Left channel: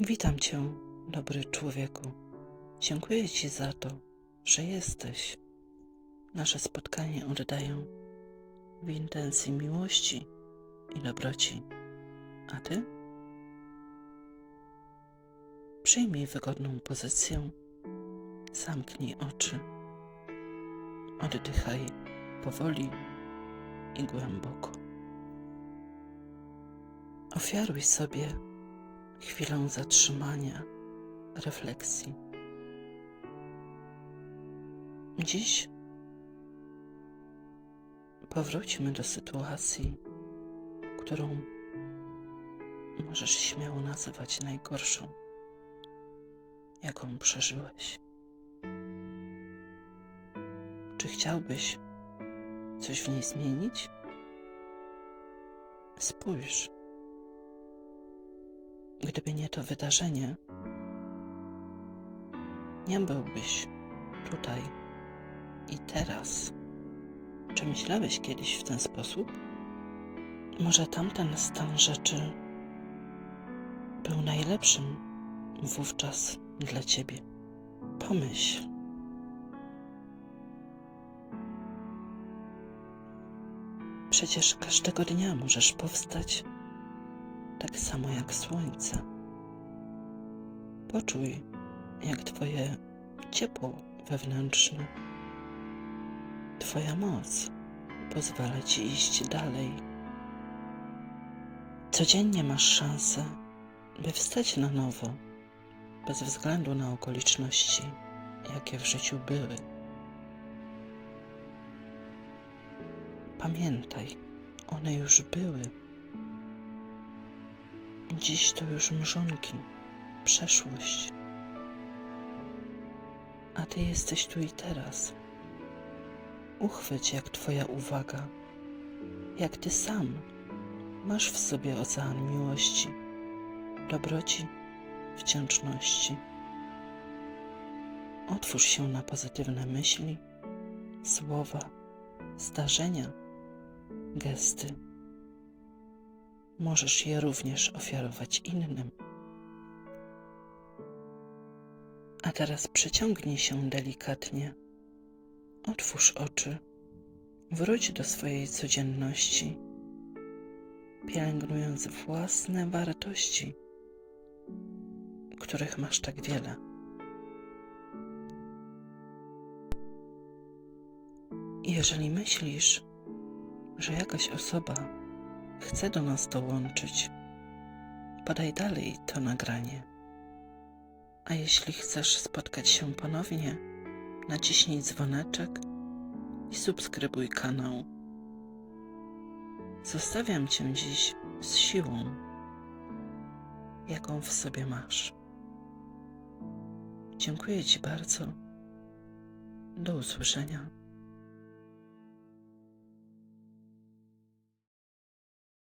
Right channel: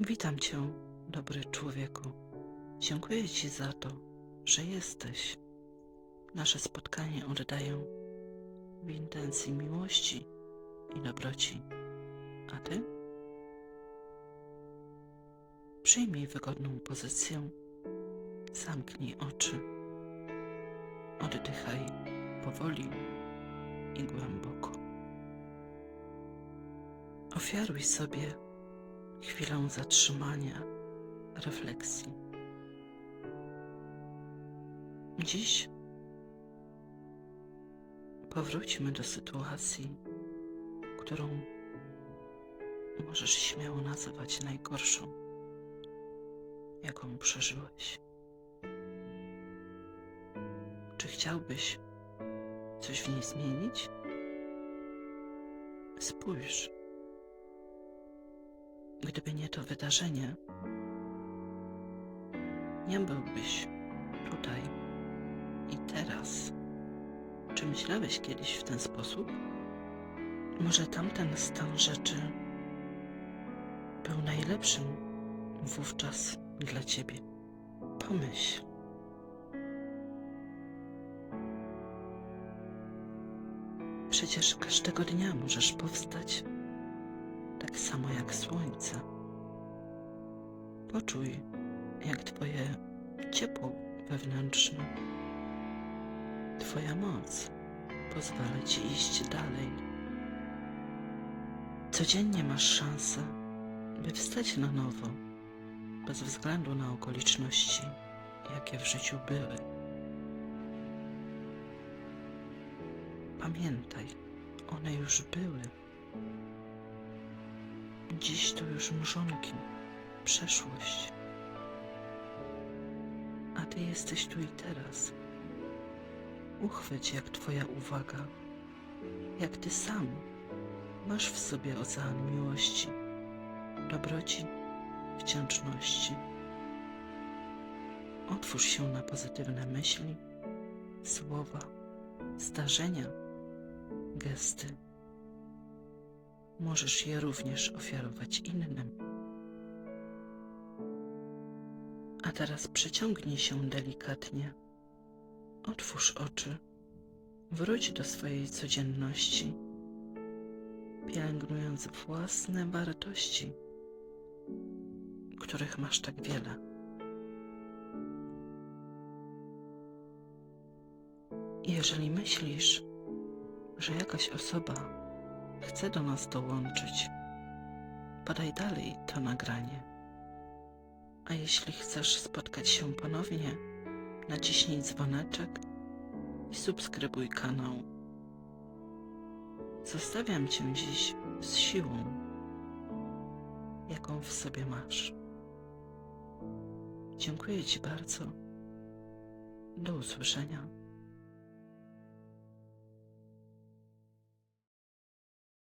Witam Cię, dobry człowieku. Dziękuję Ci za to, że jesteś. Nasze spotkanie oddaję w intencji miłości i dobroci. A Ty? Przyjmij wygodną pozycję, zamknij oczy, oddychaj powoli i głęboko. Ofiaruj sobie chwilę zatrzymania, refleksji. Dziś powróćmy do sytuacji, którą możesz śmiało nazywać najgorszą, jaką przeżyłeś. Czy chciałbyś coś w niej zmienić? Spójrz. Gdyby nie to wydarzenie, nie byłbyś tutaj i teraz. Czy myślałeś kiedyś w ten sposób? Może tamten stan rzeczy był najlepszym wówczas dla ciebie. Pomyśl. Przecież każdego dnia możesz powstać tak samo jak słońce. Poczuj, jak Twoje ciepło wewnętrzne, Twoja moc pozwala Ci iść dalej. Codziennie masz szansę, by wstać na nowo, bez względu na okoliczności, jakie w życiu były. Pamiętaj, one już były. Dziś to już mrzonki, przeszłość. A ty jesteś tu i teraz. Uchwyć, jak twoja uwaga, jak ty sam masz w sobie ocean miłości, dobroci, wdzięczności. Otwórz się na pozytywne myśli, słowa, zdarzenia, gesty możesz je również ofiarować innym. A teraz przyciągnij się delikatnie, otwórz oczy, wróć do swojej codzienności, pielęgnując własne wartości, których masz tak wiele. Jeżeli myślisz, że jakaś osoba chce do nas dołączyć, podaj dalej to nagranie. A jeśli chcesz spotkać się ponownie, naciśnij dzwoneczek i subskrybuj kanał. Zostawiam Cię dziś z siłą, jaką w sobie masz. Dziękuję Ci bardzo. Do usłyszenia.